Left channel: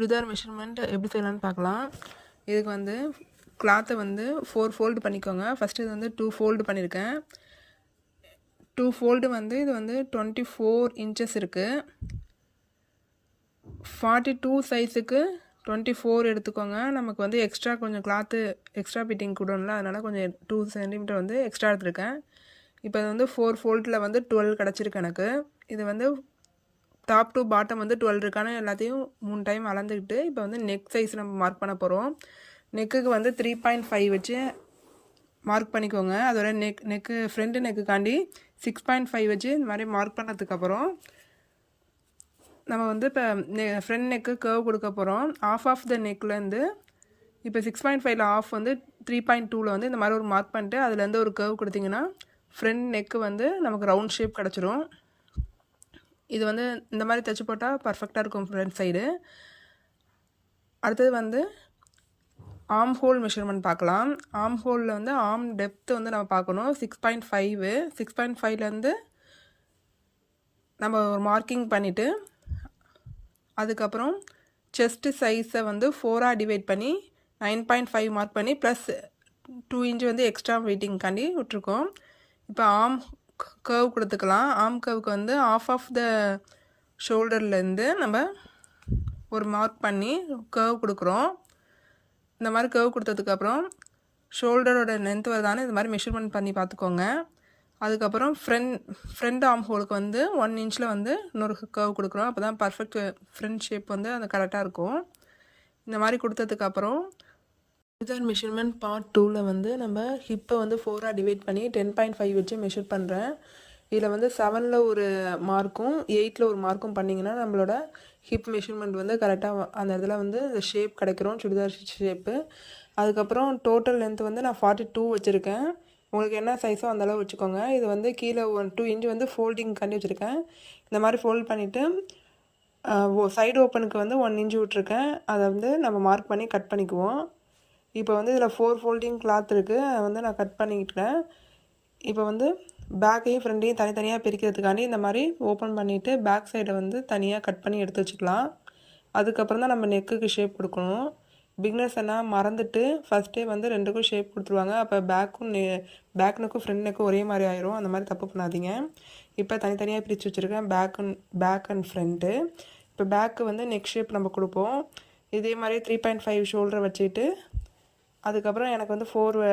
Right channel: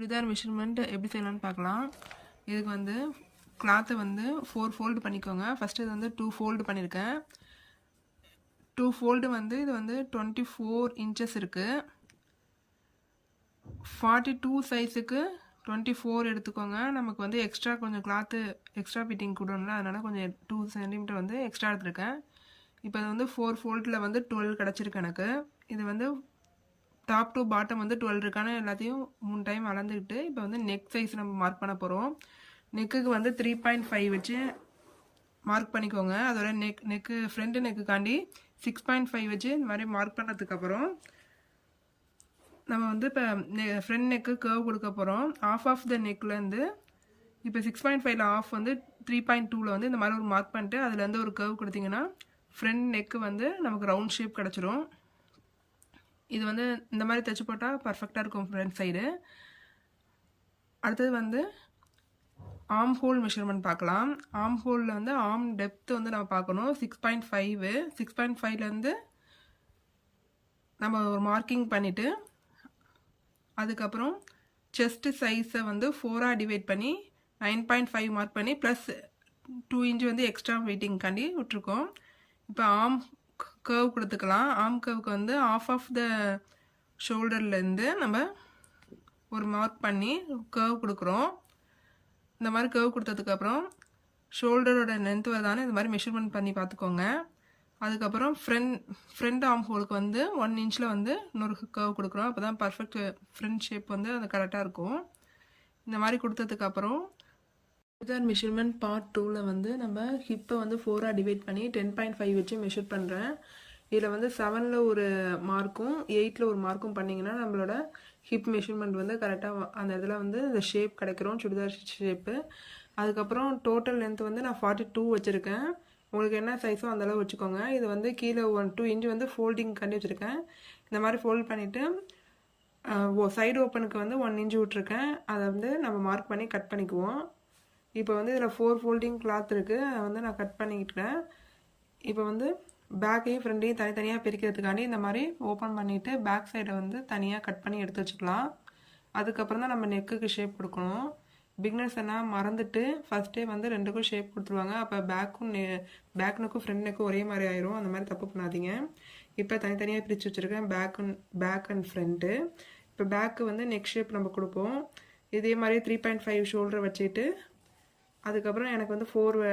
Churidar measurement எப்படி செய்யலாம்னு பார்க்கலாம். இதுக்கு வந்து கிளாத்தை வந்து 4 ஃபோல்டு பண்ணிக்கோங்க. ஃபஸ்ட்டு இது வந்து 2 ஃபோல்டு பண்ணியிருக்கேன். 2 ஃபோல்டு வந்து இது வந்து 24 இன்ச்சஸ் இருக்குது. 42 சைஸுக்கு 24 எடுத்துக்கோங்க. நமக்கு வந்து எக்ஸ்ட்ரா கொஞ்சம் கிளாத்து எக்ஸ்ட்ரா ஃபிட்டிங் கொடும்ல, அதனால் கொஞ்சம் 2 சென்டிமீட்டர் வந்து எக்ஸ்ட்ரா எடுத்துருக்கேன். இப்போ இது வந்து 4 ஃபோல்டில் வந்து 12 கிடச்சிருக்கு எனக்கு. இது வந்து டாப் டு பாட்டம் வந்து 12 இருக்கான எல்லாத்தையும் 3 டைம் அளந்துக்கிட்டு இப்போ வந்து நெக் சைஸ் நம்ம மார்க் பண்ண போகிறோம். நெக்குக்கு வந்து 3.5 வச்சு மார்க் பண்ணிக்கோங்க. அதோட நெக்கு ஃப்ரண்ட் நெக்குக்காண்டி 6.5 வச்சு இந்த மாதிரி மார்க் பண்ணதுக்கப்புறம் நம்ம வந்து இப்போ ஃப்ரண்ட் நெக்கு கர்வ் கொடுக்க போகிறோம். ஆஃப் த நெக்லேருந்து இப்போ 6.5ல் ஆஃப் வந்து 3.2ல் வந்து இந்த மாதிரி ஒரு மார்க் பண்ணிட்டு அதுலேருந்து ஒரு கர்வ் கொடுத்தீங்கன்னா ஃப்ரண்ட் நெக்கு வந்து நமக்கு ரவுண்ட் ஷேப் கிடச்சிரும். இது வந்து இந்த மாதிரி தைச்சி போட்டால் பர்ஃபெக்டாக இருக்கும் ஃப்ரண்ட் சைடு. அடுத்தது வந்து ஆர்ம் ஹோல் மெஷர்மெண்ட் பார்க்கலாம். ஆர்ம் ஹோலில் வந்து ஆர்ம் டெப்த்து வந்து நம்ம பார்க்கணும். 6.5 6.5லேருந்து நம்ம ஒரு மார்க்கிங் பண்ணிவிட்டு அதுக்கப்புறம் செஸ்ட்டு சைஸை வந்து 4ஆக டிவைட் பண்ணி 9.5 மார்க் பண்ணி ப்ளஸ் 2 இன்ச் வந்து எக்ஸ்ட்ரா வெயிட்டிங்காண்டி விட்ருக்கோம். இப்போ ஆர்ம் கர்வ் கொடுத்துக்கலாம். ஆர்ம் கர்வுக்கு வந்து ஆஃப் த ஷோல்டர்லேருந்து நம்ம ஒரு மார்க் பண்ணி கர்வ் கொடுக்குறோம். இந்த மாதிரி கர்வ் கொடுத்ததுக்கப்புறம் ஷோல்டரோட லென்த் வருதானே இது மாதிரி மெஷர்மெண்ட் பண்ணி பார்த்துக்கோங்க. அதுக்கப்புறம் ஃப்ரண்ட் ஆர்ம் ஹோலுக்கு வந்து 1 இன்ச்சில் வந்து இன்னொரு கர்வ் கொடுக்குறோம். அப்போ தான் பர்ஃபெக்ட் ஃப்ரண்ட் ஷேப் வந்து அது கரெக்டாக இருக்கும். இந்த மாதிரி கொடுத்ததுக்கப்புறம் சுடிதார் மெஷர்மெண்ட் பார்ட் 2ல் வந்து நம்ம ஹிப்பை வந்து 4ஆக டிவைட் பண்ணி 10.5 வச்சு மெஷர் பண்ணுறேன். இதில் வந்து 7ல் ஒரு மார்க்கும் 8ல் ஒரு மார்க்கும் பண்ணிங்கன்னா நம்மளோட ஹிப் மெஷர்மெண்ட் வந்து கரெக்டாக அந்த இதில் வந்து இந்த ஷேப் கிடைக்கிறோம், சுடிதார் ஷேப்பு. அதுக்கப்புறம் டோட்டல் லென்த் வந்து நான் 42 வச்சுருக்கேன். உங்களுக்கு என்ன சைஸோ அந்தளவு வச்சுக்கோங்க. இது வந்து கீழே 2 இன்ச் வந்து ஃபோல்டிங் கண்டி வச்சுருக்கேன். இந்த மாதிரி ஃபோல்ட் பண்ணிவிட்டு சைடு ஓப்பனுக்கு வந்து 1 இன்ச் விட்ருக்கேன். அதை வந்து நம்ம மார்க் பண்ணி கட் பண்ணிக்குவோம். இப்போ வந்து இதில் 4 ஃபோல்டிங் கிளாத் இருக்குது, அதை வந்து நான் கட் பண்ணிக்கிட்டேன். இப்போ வந்து பேக்கையும் ஃப்ரண்ட்டையும் தனித்தனியாக பிரிக்கிறதுக்காண்டி இந்த மாதிரி ஓப்பன் பண்ணிவிட்டு பேக் சைடை வந்து தனியாக கட் பண்ணி எடுத்து வச்சுக்கலாம். அதுக்கப்புறம் தான் நம்ம நெக்குக்கு ஷேப் கொடுக்கணும். பிக்னஸ் எல்லாம் மறந்துட்டு ஃபஸ்ட்டே வந்து 2க்கும் ஷேப் கொடுத்துருவாங்க. அப்போ பேக் நெக்கும் ஃப்ரண்ட் நெக்கும் ஒரே மாதிரி ஆயிரும். அந்த மாதிரி தப்பு பண்ணாதீங்க. இப்போ தனித்தனியாக பிரித்து வச்சுருக்கேன் பேக் அண்ட் ஃப்ரண்ட்டு. இப்போ பேக்கு வந்து நெக் ஷேப் நம்ம கொடுப்போம். இதே மாதிரி 3.5 ஷோல்டரை வச்சுட்டு அதுக்கப்புறம் எனக்கு வந்து 4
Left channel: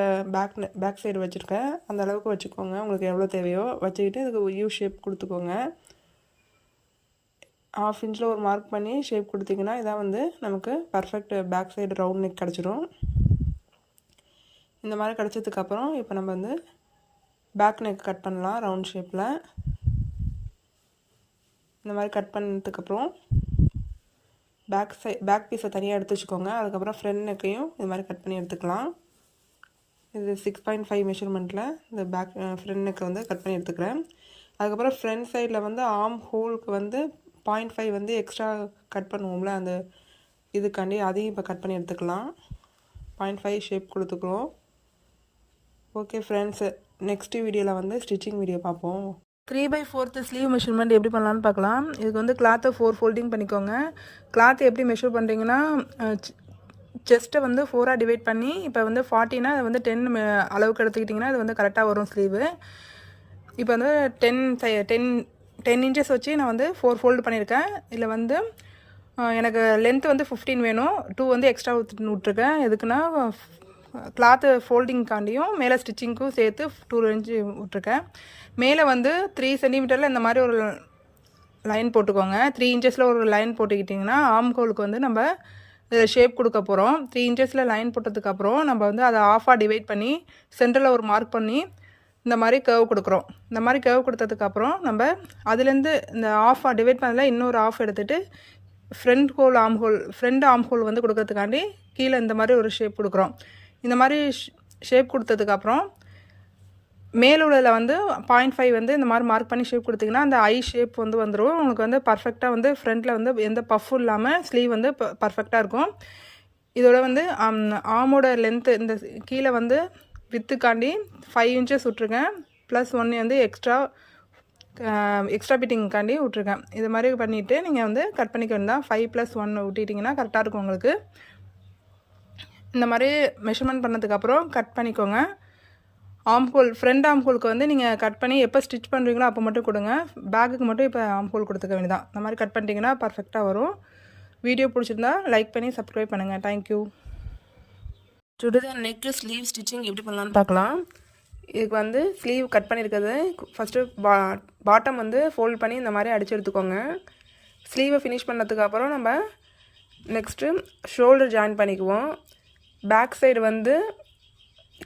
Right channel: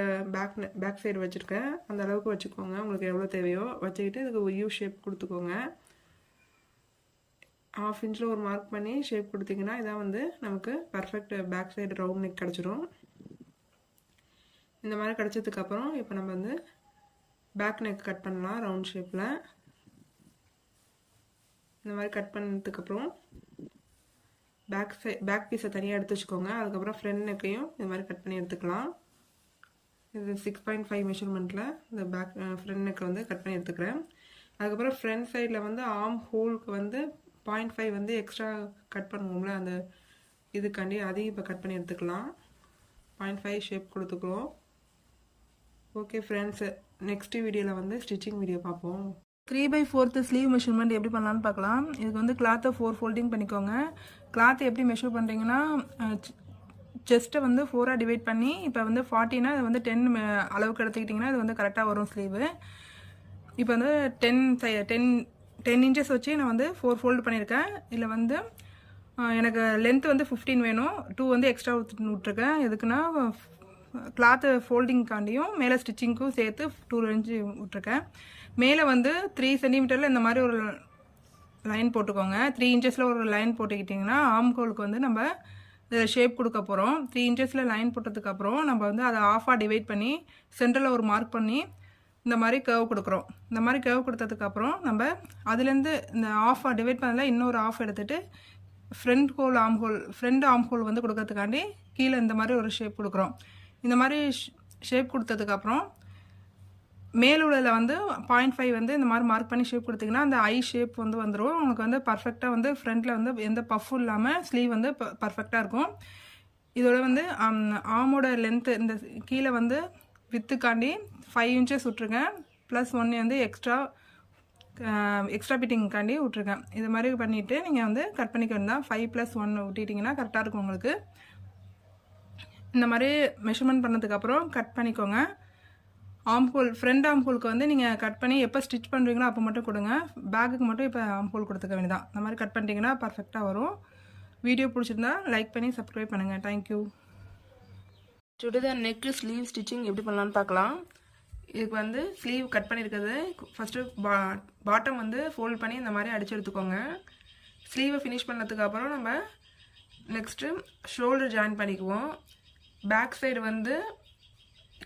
பேக் சைடு வச்சுருக்கேன். அந்த அளவுக்கு வச்சுக்கோங்க, உங்களுக்கு எவ்வளோ தேவையோ வச்சுக்கிட்டு இதுக்கு யூ ஷேப் கொடுத்துக்கோங்க. 1/2 இன்ச்சில் ஒரு மார்க் பண்ணி ஷேப் கொடுத்தீங்கன்னா இதான் வந்து நமக்கு perfect back side round neck கிடச்சிரும். இந்த மாதிரி கிடச்சதுக்கப்புறம் இப்போ நம்ம வந்து பேக் நெக் கட் பண்ணலாம் ரவுண்ட் ஷேப்பில். இந்த மாதிரி கட் பண்ணதுக்கப்புறம் பேக் பீஸை தனியாக எடுத்து வச்சுக்கோங்க. அதுக்கப்புறம் ஃப்ரண்ட் நெக்கையும் இது மாதிரி கட் பண்ணி எடுத்துக்கலாம். இது 6.5 மெஷர்மெண்ட்டில் இந்த ஃப்ரண்ட் நெக்கை வந்து கட் பண்ணி எடுத்துக்கிறேன். அதுக்கப்புறம் ஃப்ரண்ட் சைடில் வந்து ஆர்ம் ஹோலுக்கு வந்து 0.5 வந்து எக்ஸ்ட்ரா கட் பண்ணுவோம்ல, அந்த இதுக்காண்டி அதையும் இப்போ கட் பண்ணி எடுத்துக்கலாம். 0.5 ஷேப் கொடுத்துக்குறோம். ஓகே ஃப்ரெண்ட்ஸ், நெக்ஸ்ட் வீடியோவில் வந்து ஸ்டிச்சிங் வீடியோ பார்ப்போம். 3/4 ஸ்லீவ் மெஷர்மெண்ட் எப்படி பண்ணலான்னு பார்க்கலாம். இதுக்கு வந்து கிளாத்தை 4 ஃபோல்டிங் பண்ணிக்கோங்க. கிளாத்தை எப்படி மெஷர் பண்ணுறீங்கன்னா செஸ்ட்டை வந்து 4ஆக டிவைட் பண்ணி இப்போ வந்து 40னா அதை வந்து 10 அளவுக்கு எடுத்துக்கிட்டிங்கன்னா அது வந்து கரெக்டாக வரும் ஸ்லீவு. இப்போ வந்து 10 இன்ச்சஸ் வச்சு நான் வந்து 4 ஃபோல்டு பண்ணியிருக்கேன். இதில் வந்து எனக்கு லென்த் வந்து 15 வேணும், 2 வந்து எக்ஸ்ட்ரா விட்ருக்கேன். எதுக்குன்னா கிளாத்து ஃபோல்டிங்காண்டியும் மேலே ஸ்டிச்சிங்க்கும் சேர்த்து 2 இன்ச்சு விட்ருக்கேன். மேலே வந்து 3 சென்டிமீட்டரில் இந்த மாதிரி ஒரு லைன் போட்டுக்கோங்க. 3 இன்ச்சஸில் ஒரு லைன் போட்டுக்கிட்டிங்கன்னா ஆர்ம் ஹோலுக்கு வந்து நம்ம ஷேப் கொடுக்க போகிறோம். 3 இன்ச்சஸில் லைன் போட்டதுக்கப்புறம் நம்ம வந்து அதை ஆஃபாக டிவைட் பண்ணி சென்டரில் ஒரு மார்க் பண்ணி இந்த மாதிரி கர்வ் கொடுக்குறோம். இந்த மாதிரி கர்வ் கொடுத்ததுக்கப்புறம் நம்ம அதுலேருந்து இந்த ஆஃபாக டிவைட் பண்ணதில் இன்னொரு ஆஃப் எடுத்துகிட்டு ஃப்ரண்ட் ஆர்ம் ஹோல் வந்து கொடுக்கறதுக்காண்டி கீழே இந்த மாதிரி ஒரு ஷேப் கொடுக்குறோம். இந்த மாதிரி ஷேப் கொடுத்ததுக்கப்புறம் மேலுள்ளதில் வந்து 0.5 வந்து இந்த மாதிரி மார்க் பண்ணி ஷேப் கொடுத்திங்கன்னா அந்த ஐ ஷேப் வந்து வந்துடும். உங்களுக்கு வந்து பர்ஃபெக்டாக வந்து ஃப்ரண்ட்டில் வந்து எந்த பஃப்பும் இல்லாமல் ஸ்லீவ் வந்து பர்ஃபெக்டாக இருக்கும். இதோட வந்து ஆர்மோட லென்த்து இந்த கீழே வந்து வித்துக்காண்டி 5 இன்ச்சஸ் விட்ருக்கேன். +1 வந்து எக்ஸ்ட்ரா எக்ஸ்ட்ரா பிட்டிங்காண்டி விட்ருக்கேன். இது மாதிரி பண்ணிவிட்டு நீங்கள் வந்து கட் பண்ணிக்க வேண்டாம். 5+1 விட்டிட்டிங்கன்னா கரெக்டாக இருக்கும் உங்களுக்கு. இந்த மாதிரி மெஷர்மெண்ட் பண்ணதுக்கப்புறம் கட் பண்ணிக்கோங்க. ஆம்ஹோல் ஃப்ரண்ட் ஆம்ஹோலுக்கு வந்து நீங்கள் கட் பண்ணி எப்போ ஸ்டிச் பண்ணுறீங்களோ அப்போ மட்டும் கொடுங்க. பேக்குக்கு மட்டும் இப்போ ஆம்ஹோல் கொடுத்துக்க வேண்டியதான். இந்த மாதிரி கட் பண்ணிட்டீங்கன்னா பர்ஃபெக்டாக வரும். வீடியோ பிடிச்சிருந்தா லைக் பண்ணி சப்ஸ்கிரைப் பண்ணுங்கள். Thank you. Churidar neck sleeve stitching எப்படி பண்ணலான்னு பார்க்கலாம். இதுக்கு வந்து ஸ்லீவ் கட் பண்ணியிருக்கிறது ஃபஸ்ட்டு பாட்டம் வந்து ஃபோல்ட் பண்ணி இந்த மாதிரி அடித்து எடுத்துக்கோங்க. ஸ்லீவை ஃபினிஷ் பண்ணதுக்கப்புறம் நம்ம நெக்ஸ்ட்டு ஷோல்டர் ஜாயின் பண்ணிக்குவோம். பேக் சைடு வந்து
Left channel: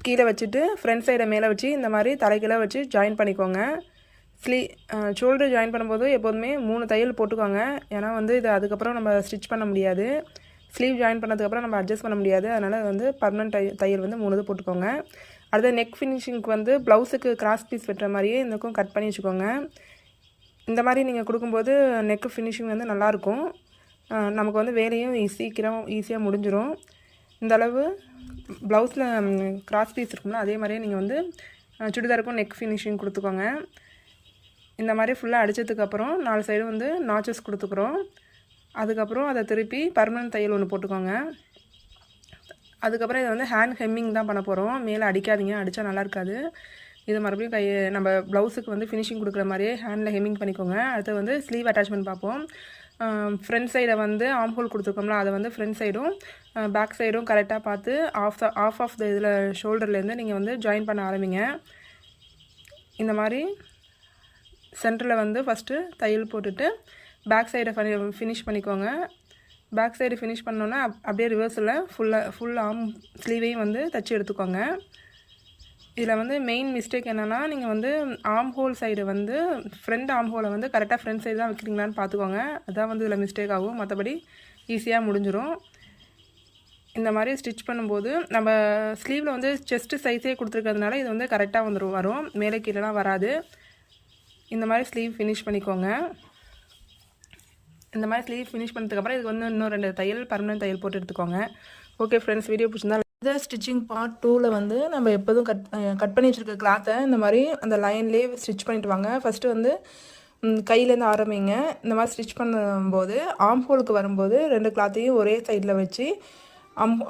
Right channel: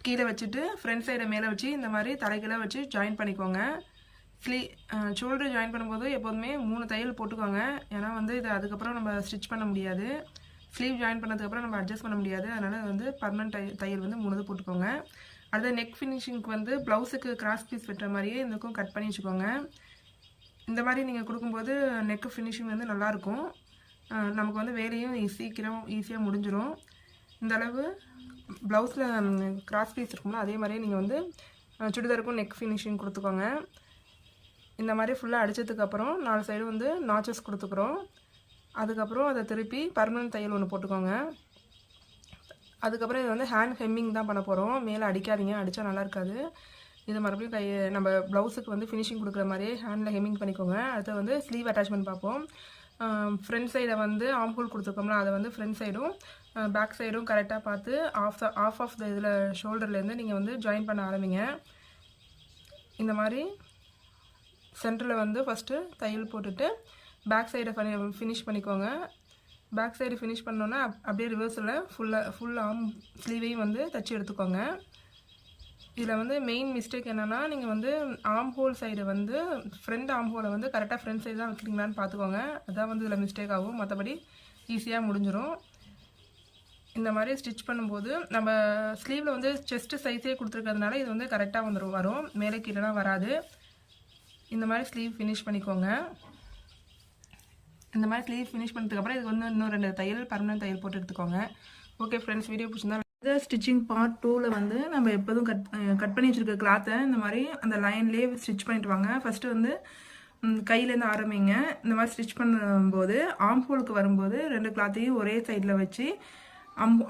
கீழே வச்சுட்டு ஃப்ரண்ட் சைடை மேலே வச்சு இந்த மாதிரி தலைக்கீழே வச்சு ஜாயின் பண்ணிக்கோங்க. ஷோல்டர் ஜாயின் பண்ணும்போது எப்போதுமே 3 தையல் போட்டுக்கோங்க. ஏன்னா வந்து இது அதுக்கப்புறம் நம்ம ஸ்டிச் பண்ண முடியாது. ஸ்லீவ் ஜாயின் பண்ணதுக்கப்புறம் நம்ம அட்ஜஸ்ட் பண்ண முடியாது. அதனால் வந்து பர்மனெண்ட் தையல் வந்து 3 போட்டுக்கோங்க. அடுத்த நெக் ஃபினிஷிங்க்கு வந்து ப்ளவுஸுக்கு கிராஸ் பீஸ் வெட்டுற மாதிரியே இந்தக்கும் கட் பண்ணி வச்சுக்கோங்க. இந்த மாதிரி நீங்கள் கொடுக்கும்போது நெக்கு ஃபினிஷிங் வந்து நல்லாயிருக்கும். நமக்கு வந்து வேலையும் ஈஸியாக முடிஞ்சிடும். இந்த அளவு ப்ளவுஸில் கிராஸ் பீஸ் இருக்கும்ல, அதே மாதிரியே நீங்கள் வந்து சுடிதாருக்கும் நெக் ஃபினிஷிங் கொடுத்துக்கோங்க. இந்த மாதிரி ஃபுல்லாக அடித்ததுக்கப்புறம் 4 சைடும் வந்து நாச்சஸ் கொடுத்துக்குறோம். அதுக்கப்புறம் அதை திருப்பி பர்மனெண்ட் தையல் ஒன்று போட்டுக்கோங்க. அதுக்கப்புறம் இதை வந்து ஹேண்ட் ஹெம்மிங் தான் பண்ண போகிறோம். மேலே அடிக்காதீங்க, அடித்தா நல்லா இருக்காது. இது மறுபடியும் நம்ம ப்ளவுஸுக்கு வந்து ஃபினிஷிங் கொடுக்குற மாதிரியே ஹேண்டில் ஹெம்மிங் பண்ணிக்கோங்க. அடுத்து வந்து ஸ்லீவ் அட்டாச்மெண்ட் பார்ப்போம். ஃப்ரண்ட் சைடை வந்து ஆம்ஹோல் கொடுத்துருக்கோம்ல, அதை வந்து ஃப்ரண்ட் சைடும் பேக் சைடும் கரெக்டாக பார்த்து ஆஃப் த இதில் ஷோல்டர்லேருந்து நீங்கள் வந்து ஜாயின் பண்ண ஆரம்பிங்க. இந்த மாதிரி சென்டரில் வந்து ஃபஸ்ட்டு தையல் போட்டுட்டு பேக் சைடை ஃபினிஷ் பண்ணிக்கோங்க. பேக் சைடு ஃபினிஷ் பண்ணோன்னா அப்படியே ரிவர்ஸில் ஃபுல் ஆர்ம் ஸ்லீவையும் வந்து தைச்சி எடுத்துக்கோங்க. இதில் வந்து மெயின் மிஸ்டேக் என்னென்னா, நீங்கள் வந்து ஆர்ம் ஹோல் சைடு வந்து ஃப்ரண்ட் ஆர்ம் ஹோலை வந்து கரெக்டாக ஃப்ரண்ட் சைடு தான் வைக்கிறீங்களான்னு பார்த்துக்கோங்க. அதான் வந்து இதில் மிஸ்டேக் ஆகும். மற்றபடி ஈஸியாக முடிஞ்சிடும். இந்த மாதிரி ஸ்டிச் பண்ணும்போது நம்ம ஸ்லீவில் வந்து செஸ்ட்டு சைஸே கொடுத்துருக்கிறதுனால இது வந்து கரெக்டாக வரும். மேலே கீழேலாம் வராது. இந்த மாதிரி ஸ்லீவ் ஃபினிஷ் பண்ணிக்கோங்க. இந்த மாதிரி ஸ்லீவ் ஃபினிஷ் பண்ணதுக்கப்புறம் இதுக்கு வந்து இன்னும் 2 தையல் பர்மனெண்ட் தையல் போட்டு எடுத்துக்கோங்க. ஓகே ஃப்ரெண்ட்ஸ், வீடியோ பிடிச்சிருந்தா இந்த ஸ்டிச்சிங் பார்ட் 2ல் வந்து நம்ம எப்போதும் கட் பண்ணி வச்சுருக்க கிளாத்தை இந்த மாதிரி அந்த லைன்லேயே ஸ்டிச் பண்ணிட்டு வாங்க. ஃபஸ்ட்டு வந்து கையிலேருந்து ஆரம்பிங்க. இந்த மாதிரி ஸ்டிச் பண்ணும்போது ஆர்ம் ஹோலுக்கு வரும்போது 2 கிளாத்தையும் ஒரே சைடில் வச்சு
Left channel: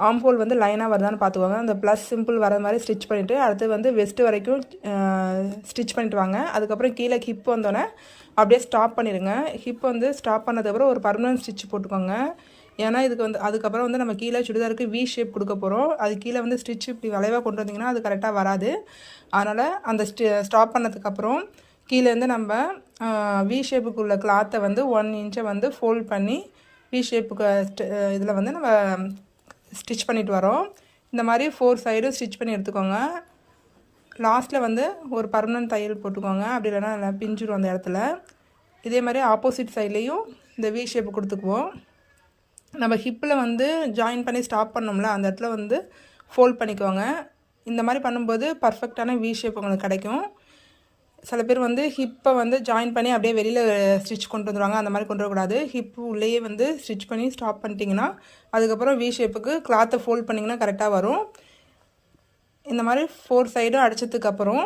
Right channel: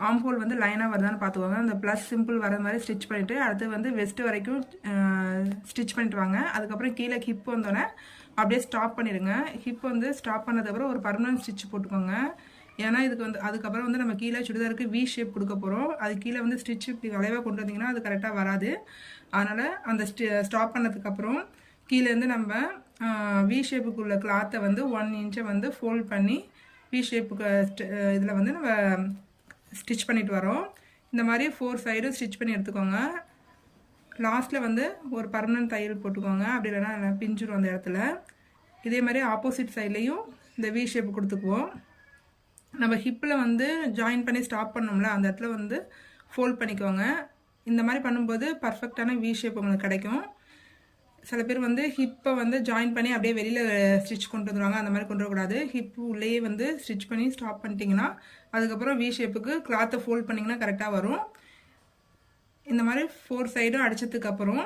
ஆர்ம் ஹோல் வந்து லைனாக வருதான்னு பார்த்துக்கோங்க. அந்த ப்ளஸ் சிம்பிள் வர மாதிரி ஸ்டிச் பண்ணிவிட்டு அடுத்து வந்து வெஸ்ட்டு வரைக்கும் ஸ்டிச் பண்ணிட்டு வாங்க. அதுக்கப்புறம் கீழே ஹிப் வந்தோடனே அப்படியே ஸ்டாப் பண்ணிடுங்க. ஹிப் வந்து ஸ்டாப் பண்ணதுக்கப்புறம் ஒரு பர்மனன்ட் ஸ்டிச் போட்டுக்கோங்க. ஏன்னா இதுக்கு வந்து அதுக்கப்புறம் வந்து நம்ம கீழே சுடிதாருக்கு வி ஷேப் கொடுக்க போகிறோம். அது கீழே வந்து ஸ்டிச் இப்படி வளைவாக கொண்டு வந்திங்கன்னா அது கரெக்டாக வராது. அதனால் அந்த ஸ்டாப் பண்ணதுக்கப்புறம் கீழேருந்து நம்ம வி ஷேப்புக்கு உள்ள கிளாத்தை வந்து 1 இன்ச்சை வந்து ஃபோல்ட் பண்ணி வி ஷேப்புக்கு இதில் வந்து நம்ம ஸ்டிச் பண்ணிட்டு வரோம். இந்த மாதிரி 4 சைடும் ஸ்டிச் பண்ணி எடுத்துக்கோங்க. லாஸ்ட்டில் வந்து ஒரு பர்மனன்ட் தையல் போட்டுக்கோங்க. அப்படி இல்லைனா நல்லா பிஞ்சிடும் அந்த இடத்துல. இதே மாதிரி ஆப்போசிட் சைட்லேயும் இந்த வி ஷேப்பு கொடுத்துக்குவோம். நம்ம ஹிப்பில் வந்து ஜாயின் பண்ணி ஸ்டாப் பண்ணோம்ல, அந்த இடத்துல வந்து ஃபோல்ட் பண்ணிக்கோங்க. இந்த மாதிரி பண்ணும்போது பர்ஃபெக்டான வி ஷேப் உங்களுக்கு கிடைக்கும். சில பேர் வந்து ஹிப்பை வந்து ஜாயின் பண்ணி அப்படியே வெளியில் ஸ்டிச் கொண்டு வந்துடுவாங்க. அந்த மாதிரி கொண்டு வரக்கூடாது. ஹிப்பு உள்ளேயே வந்து ஸ்டிச் பண்ணி ஸ்டாப் பண்ணிட்டீங்கன்னா அதுக்கப்புறம் வி ஷேப்புக்கு கிளாத்தை ஃபோல்ட் பண்ணிங்கன்னா கரெக்டாக வரும். இந்த மாதிரி 4 சைடும் அடித்ததுக்கப்புறம்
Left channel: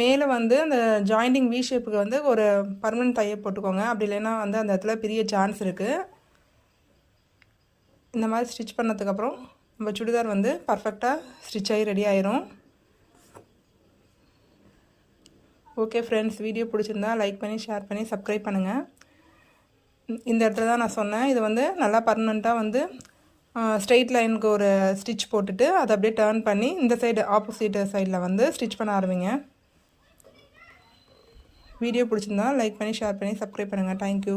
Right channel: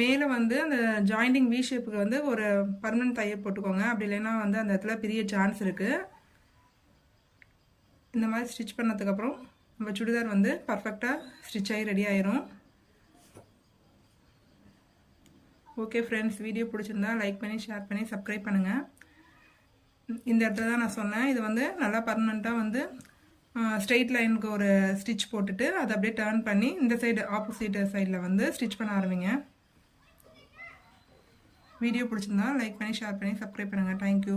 மேலே வந்து அந்த ஜாயிண்டிங் வி ஷேப்புக்கு வந்து ஒரு பர்மனன்ட் தையல் போட்டுக்கோங்க. அப்படி இல்லைன்னா வந்து அந்த இடத்துல பெரிய சான்ஸ் இருக்குது. இந்த மாதிரி ஸ்டிச் பண்ணதுக்கப்புறம் நம்ம சுடிதார் வந்து பர்ஃபெக்டாக ஸ்டிச் ஆகி ரெடி ஆயிரும். ஓகே ஃப்ரெண்ட்ஸ், வீடியோ பிடிச்சிருந்தா லைக் பண்ணி ஷேர் பண்ணி சப்ஸ்கிரைப் பண்ணுங்கள். இந்த இடத்துல தான் நான் சொன்னேன், இது வந்து நல்லா பர்மனெண்ட்டாக வந்து ஸ்ட்ரெயிட் லைனுக்கு ஒரு ஸ்டிச் போட்டுட்டு அதை அப்படியே டர்ன் பண்ணி இந்த சைடு ஆப்போசிட் சைடில் வந்து ஸ்டிச் பண்ண ஆரம்பிங்க. வீடியோ பிடிச்சிருந்தா லைக் பண்ணி ஷேர் பண்ணி சப்ஸ்கிரைப் பண்ணுங்கள். தேங்க்யூ.